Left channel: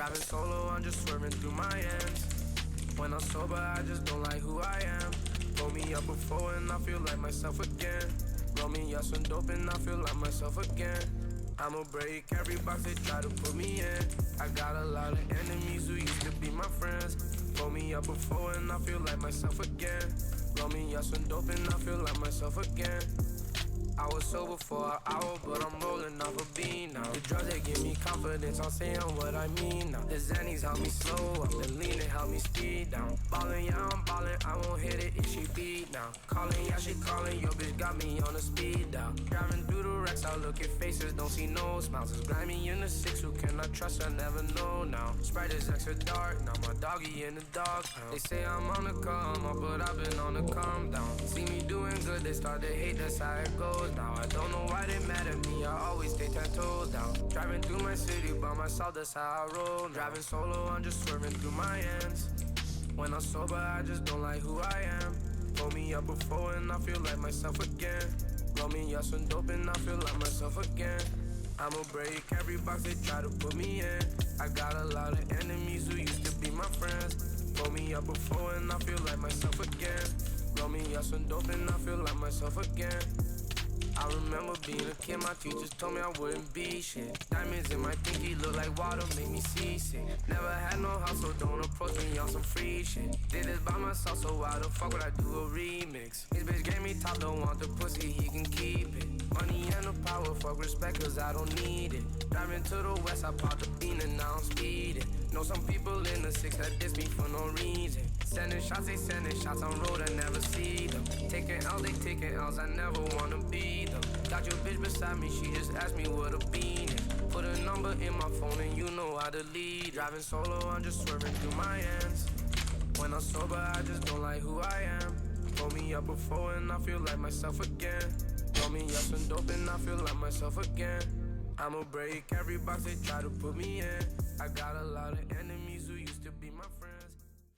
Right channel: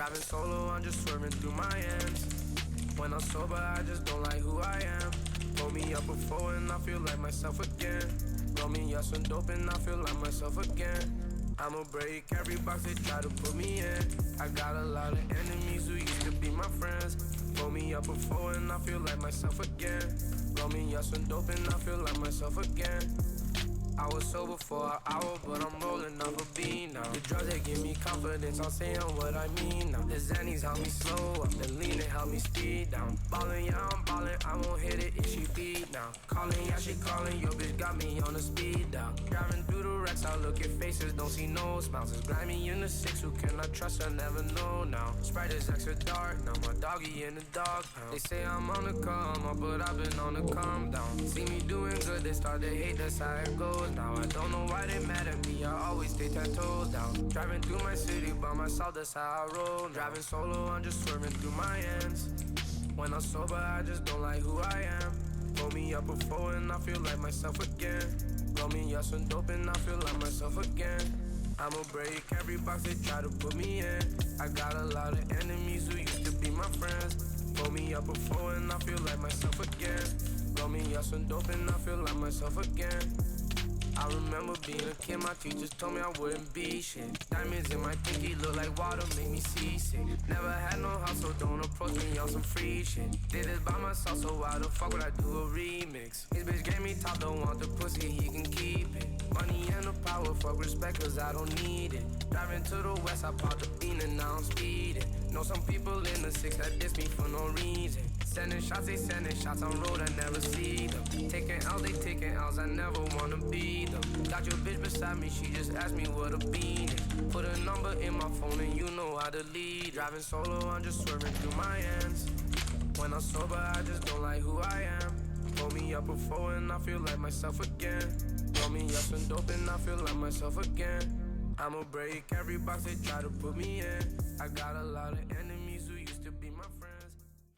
Driving solo, I'm just swerving through my ends. When I'm sober, I just don't like who I am. Pull me up before and I feel like myself again. Roll me up some dope and I feel like myself again. I'ma break every box they try to put me in. I got a lot of enemies who used to be my friends. Pull me up before and I feel like myself again. Roll me up some dope and I feel like myself again. I was sober for an hour, but I'm rolling off a bean now. The drugs, they give me confidence, I'm saying what I mean now. The Xannies help me slow up, the lean, it help me speed down. Ballin', yeah, I'm ballin', I won't hit it if she beat now. Callin', yeah, she callin', your bitch got me on the speed down. Driving through the wrecks, I look at faces, don't see no smiles. It's grimy in the six, who can I trust, I never know now. Sprite is extra dark, now my doggy in the dog pound. They say I'm on the come up, but I've been on the calm down. See me doing good, they start to hate, that's how it goes. Now I don't know why they mad at me, I always stay 10 toes down. Driving through my city by myself, that's how I roll now. Driving solo, I'm just swerving through my ends. When I'm sober, I just don't like who I am. Pull me up before and I feel like myself again. Roll me up some dope and I feel like myself again. I'ma break every box they try to put me in. I got a lot of enemies who used to be my friends. Pull me up before and I feel like myself again. Roll me up some dope and I feel like myself again. I remember being a kid, my teachers told me I wouldn't be shit. Diamonds in my pinky look like water, make me seasick. Never had no house, so don't approach me on some free shit. Did this by myself, so why the fuck would I do a remix? His bitch gave me top, don't want the pussy, he can keep it. Money and the power, fuck respect, cause I don't need it. Driving to the west, I bought the bean and now I'm speeding. Know some people in the six that diss me for no reason. Sending shots, they sending shots on road, I never see them. Taking L's, they taking L's, I never wanna be them. Got your bitch beside me, she just asked me what a bean is. Put a number in my phone and you know how to lead. Driving solo, I'm just swerving through my ends. When I'm sober, I just don't like who I am. Pull me up before and I feel like myself again. Roll me up some dope and I feel like myself again. I'ma break every box they try to put me in. I got a lot of enemies who used to be my friends.